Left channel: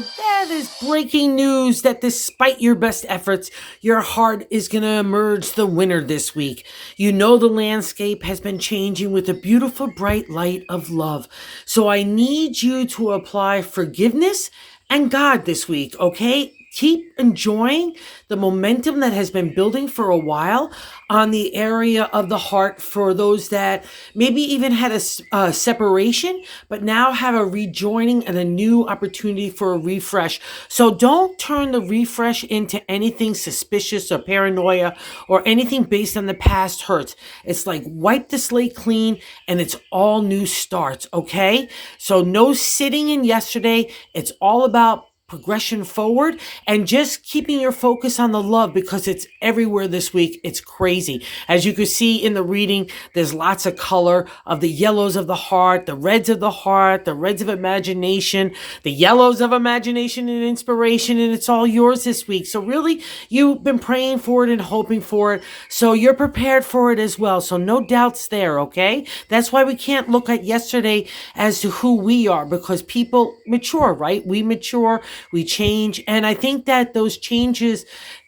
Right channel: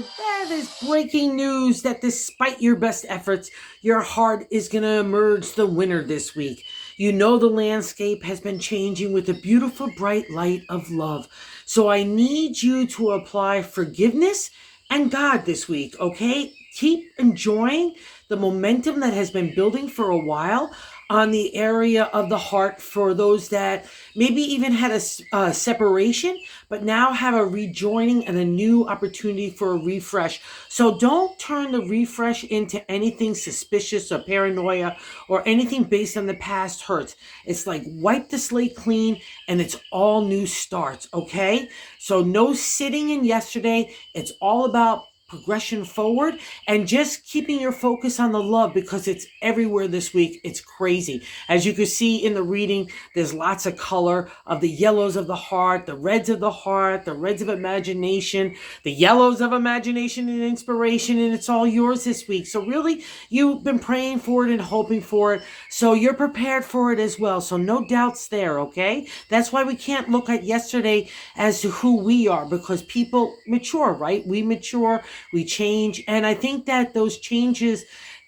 that is breaking news that despite your best efforts, your heart is going to emerge the winner this week. You know the landscape has been changing with the beautiful bright light of love. So I need you to apply forgiveness and God this week, okay? Keep enjoying the momentum that has been building for a while on the area of the heart for those that maybe even had a separation, but now have a rejoining and a new opportunity for a refresh. So don't turn the refresh into anything suspicious or paranoia or anything based on the past hurts. It's like wipe the slate clean and it's all new starts, okay? So no sitting in yesterday. It's all about progression forward and just keeping your focus on the love because it's everywhere this week. It's crazy. As you can see in the reading, there's lots of color of the yellows of the heart, the reds of the heart, the reds of imagination, the yellows of imagination and inspiration, and it's all yours this week. So really, you've been praying for it and hoping for it. So you're prepared for it as well. So no doubts there, okay? That's why we can't look at yesterday as to who we are because people mature, right? We mature, we change. And I think that those changes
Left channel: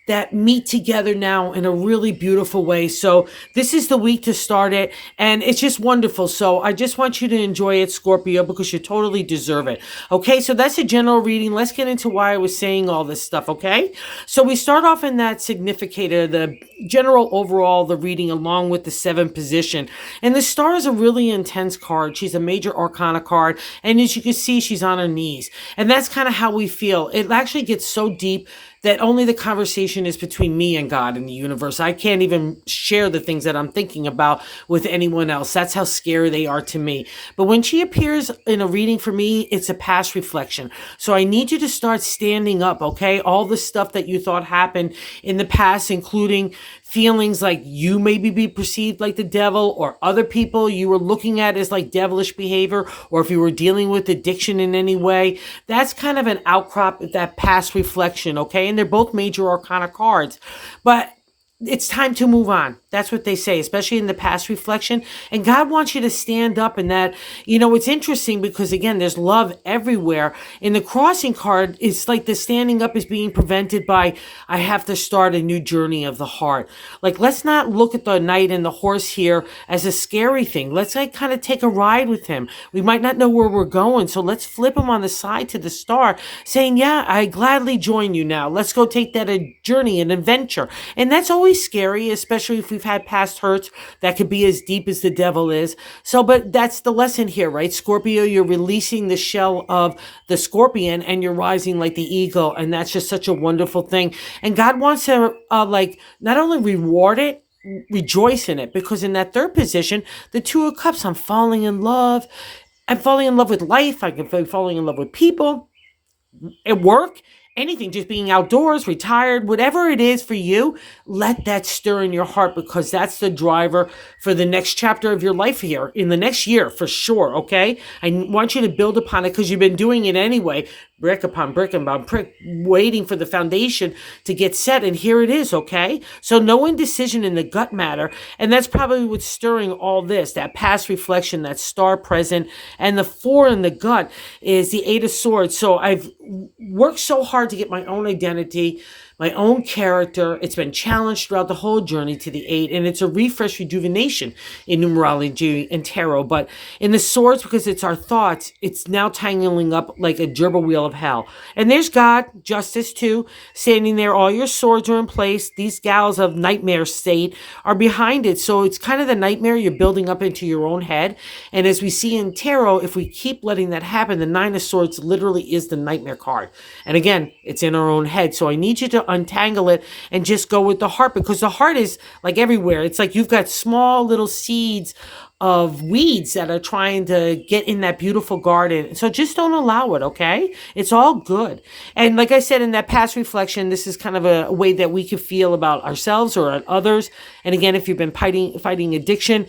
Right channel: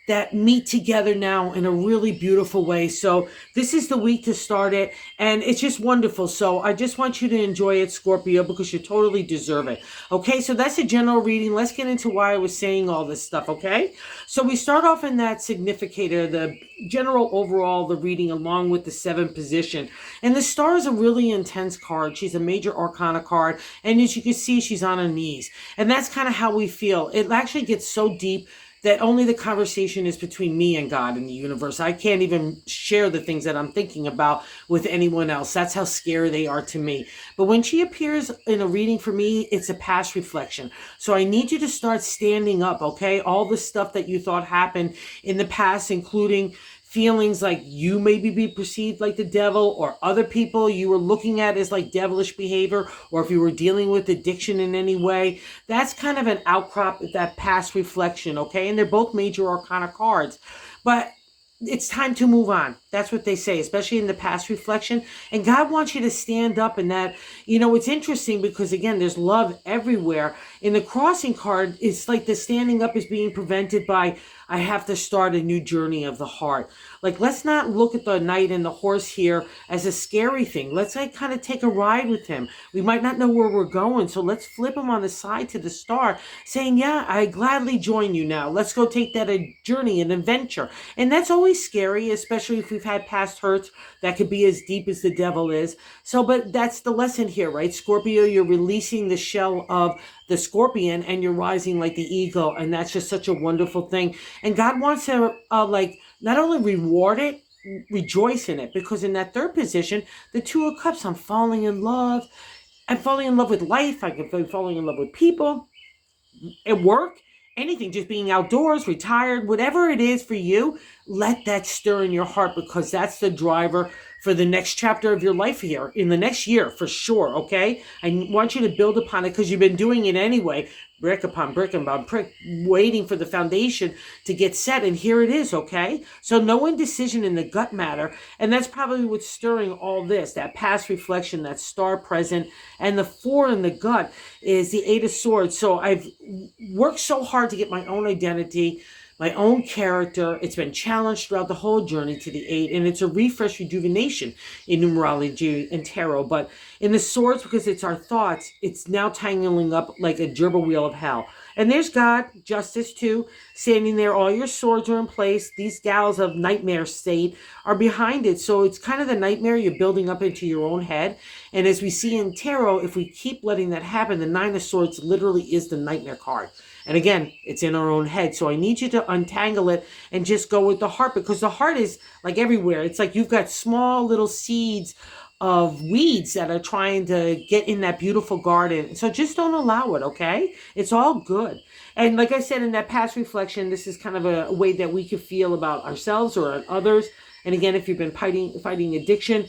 that meet together now in a really beautiful way. So this is the week to start it. And it's just wonderful. So I just want you to enjoy it, Scorpio, because you totally deserve it. Okay, so that's a general reading. Let's get into why I was saying all this stuff, okay? So we start off in that significator, the general overall, the reading along with the 7th position. And the star is a really intense card. She's a major arcana card. And as you can see, she's on her knees. And that's kind of how we feel. It actually gets so deep that only the conversation is between me and God and the universe. I can't even share the things that I'm thinking about with anyone else. That's how scary they are to me. But when she appears in a reading for me, it's a past reflection. So I need you to start standing up, okay? All the stuff that you thought happened in the past, including feelings like you maybe be perceived like the devil or other people you were looking at as like devilish behavior, or if you were dealing with addiction in any way, that's kind of an outcrop of that past reflection, okay? And they're both major arcana cards. But it's time to move on. That's what they say, especially in the past reflection. And God wants you to stand up in that. You know, it's interesting because, again, there's love everywhere. In the crossing card, it's like the standing up is being prevented by, I have to start a new journey of the heart. Like, let's not look at the knight and the horse here as a scary thing. Let's like kind of take a ride with him. We might not know where we're going, so let's flip him on the side to the star, saying, yeah, I gladly join you now. Let's go take that a journey, an adventure. And that's always scary, especially if we've had past hurts that could be as deep as the devil is. So, but that's the lesson here, right? Scorpio, you're releasing the shell of the scorpion and you're rising like the eagle. And that's just such a wonderful thing. And God wants to like not only reward it, rejoice in it, because in that 3rd position, the 2 of Cups, I'm falling in love. I'm falling in love with life. I can be falling in love with people at work, anything, just being outdoors, retired, whatever it is for you, let that stir in your heart because that's the driver for the next chapter of your life here in the next year for sure, okay? I want you to build upon it because you've been doing it anyway, brick upon brick upon brick, waiting for the foundation to get set, and here it is, okay? So no indecision in the gut matter, and that's probably what's stirring all this, that past reflection, that star present, and the 4 in the gut is the 8 of Swords. So I've worked so hard to get my own identity, my own character. It's been challenged throughout the whole journey to the 8, and it's a refresh rejuvenation in numerology and tarot. But in the swords, because it's our thoughts, it's now tangling up like a gerbil wheel of hell. And there's God, justice too, standing there. All your swords are in place. These gals of nightmare state are behind it. So it's kind of the nightmare you're building up into your own head. And as we see in tarot, if we keep letting that happen, the 9 of Swords literally is the nightmare card. And again, it's in our own head. So I need you to untangle it and just go with the heart, because the heart is like everywhere. It's like you've got small little seeds of weeds that are trying to get in that beautiful garden. So just don't allow it, okay? It's all good. And like I said, in that past reflection, this is kind of a way that we can feel about ourselves or others. And again, if you've been fighting addiction,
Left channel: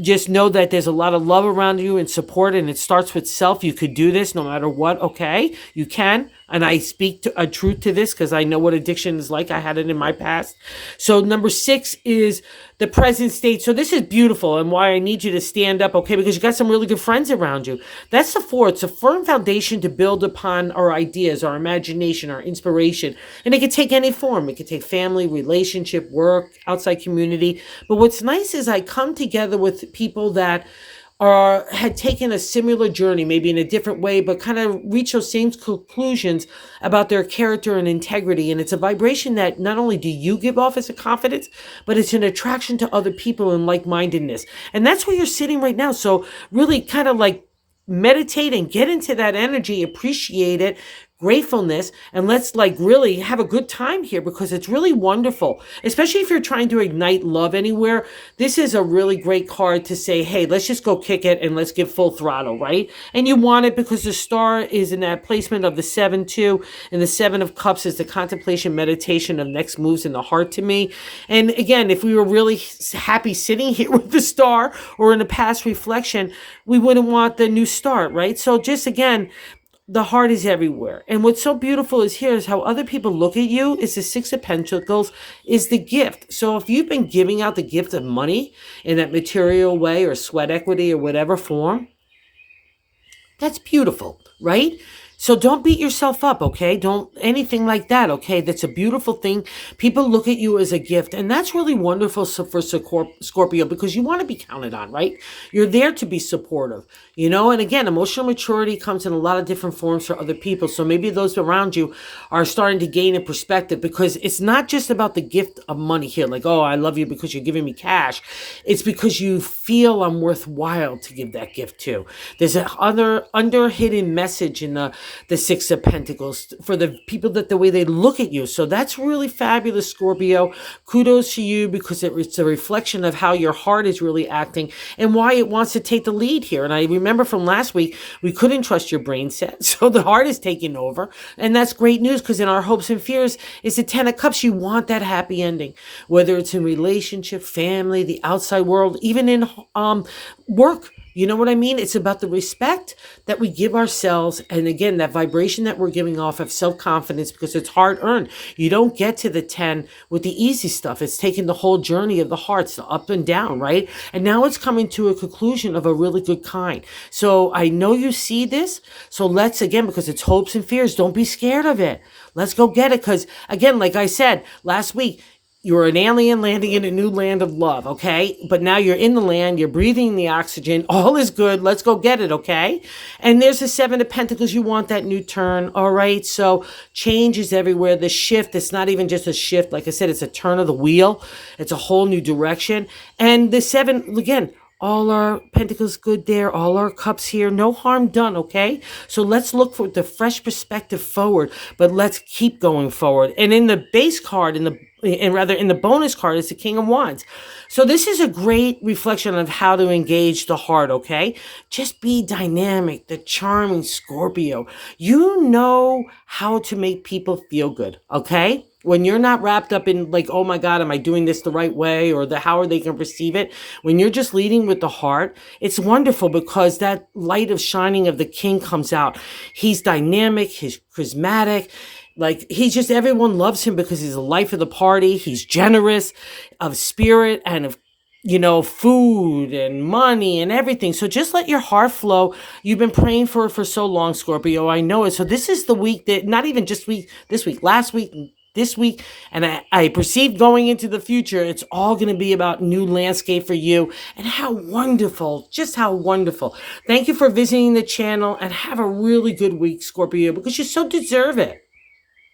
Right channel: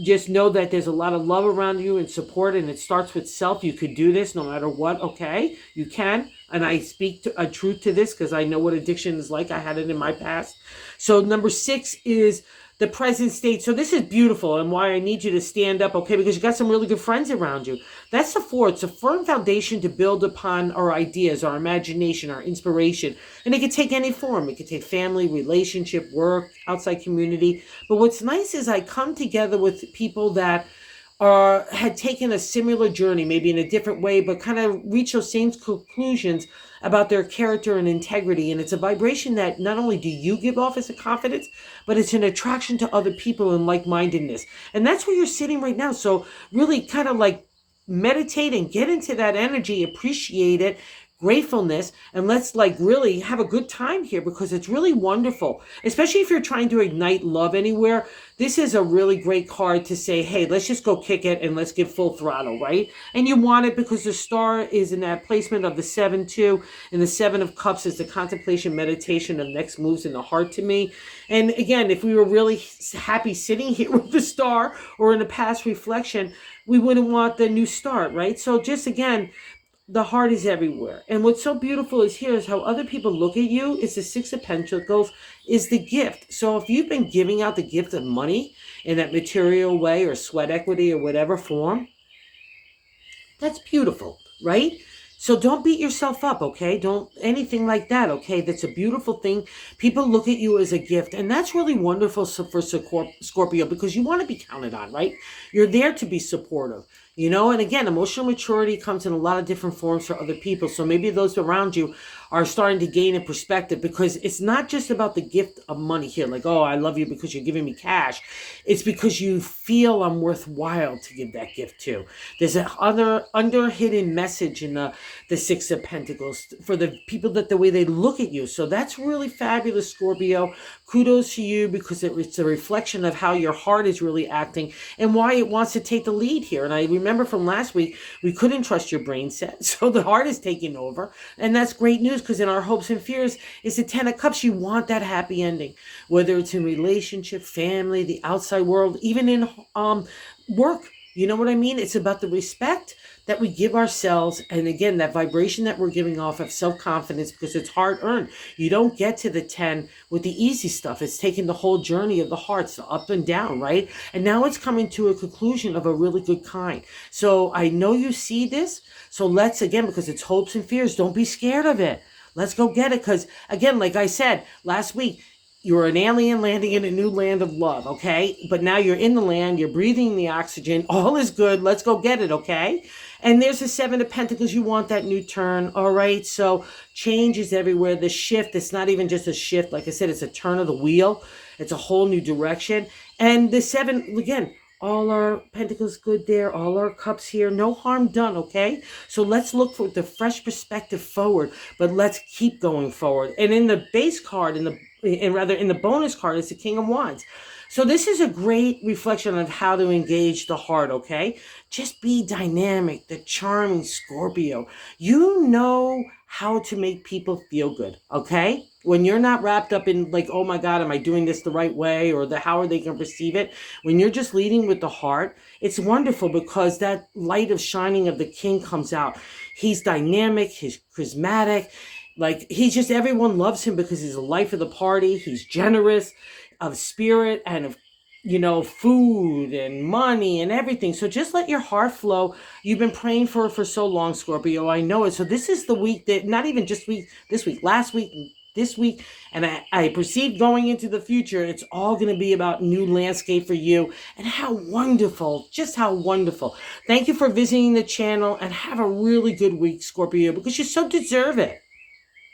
just know that there's a lot of love around you and support, and it starts with self. You could do this no matter what, okay? You can. And I speak a truth to this because I know what addiction is like. I had it in my past. So number 6 is the present state. So this is beautiful and why I need you to stand up, okay? Because you got some really good friends around you. That's the 4. It's a firm foundation to build upon our ideas, our imagination, our inspiration. And it could take any form. It could take family, relationship, work, outside community. But what's nice is I come together with people that or had taken a similar journey, maybe in a different way, but kind of reach those same conclusions about their character and integrity. And it's a vibration that not only do you give off as a confidence, but it's an attraction to other people and like-mindedness. And that's where you're sitting right now. So really kind of like meditate and get into that energy, appreciate it, gratefulness, and let's like really have a good time here because it's really wonderful, especially if you're trying to ignite love anywhere. This is a really great card to say, hey, let's just go kick it and let's give full throttle, right? And you want it because the star is in that placement of the 7 too, and the 7 of cups is the contemplation meditation of next moves in the heart to me. And again, if we were really happy sitting here with the star or in a past reflection, we wouldn't want the new start, right? So just again, the heart is everywhere. And what's so beautiful is here is how other people look at you is the 6 of Pentacles is the gift. So if you've been giving out the gift of money in that material way or sweat equity or whatever form, that's beautiful, right? So don't beat yourself up, okay? Don't anything like that, okay? That's a beautiful thing. People look at you as a gift, and that's really wonderful for Scorpio because you want to be counted on, right? You're there to be supportive, you know? And again, emotional maturity comes in a lot of different forms for other people. So maybe those around you are starting to gain a perspective because it's not just about the gift of money here, like, oh, I love you because you're giving me cash. It's because you feel I'm worthwhile to give that gift to. There's an under hidden message in the 6 of Pentacles for the people that the way they look at you. So that's really fabulous, Scorpio. Kudos to you because it's a reflection of how your heart is really acting and why it wants to take the lead here. And I remember from last week, we couldn't trust your brain set. So the heart is taking over. And that's great news because in our hopes and fears is the 10 of Cups. You want that happy ending, whether it's in relationship, family, the outside world, even in work. You know what I mean? It's about the respect that we give ourselves. And again, that vibration that we're giving off of self-confidence because it's hard earned. You don't get to the 10 with the easy stuff. It's taking the whole journey of the hearts up and down, right? And now it's coming to a conclusion of a really good kind. So I know you see this. So let's, again, because it's hopes and fears, don't be scared of it. Let's go get it. Because again, like I said last week, you're an alien landing in a new land of love, okay? But now you're in the land, you're breathing the oxygen, all is good, let's go get it, okay? And there's the 7 of Pentacles, you want that new turn, all right? So change is everywhere, the shift, it's not even just a shift, like I said, it's a turn of the wheel, it's a whole new direction. And the 7, again, all our pentacles good there, all our cups here, no harm done, okay? So let's look for the fresh perspective forward, but let's keep going forward. And in the base card, in the bonus card, is the King of Wands. So this is a great reflection of how to engage the heart, okay? Just be dynamic, the charming Scorpio. You know how to make people feel good, okay? When you're not wrapped up in like, oh my God, am I doing this the right way? Or how are they going to perceive it? When you're just leading with the heart, it's wonderful because that light of shining of the king comes out. He's dynamic, he's charismatic. Like he's just, everyone loves him because he's the life of the party. He's generous of spirit and of, you know, food and money and everything. So just let your heart flow. You've been praying for it for so long, Scorpio. I know it. So this is the week that, not even just this week, last week, this week, and I perceive going into the future, it's all going to be about new landscape for you. And how wonderful, just how wonderful. Thank you for visiting the channel and have a really good week, Scorpio, because you so deserve it.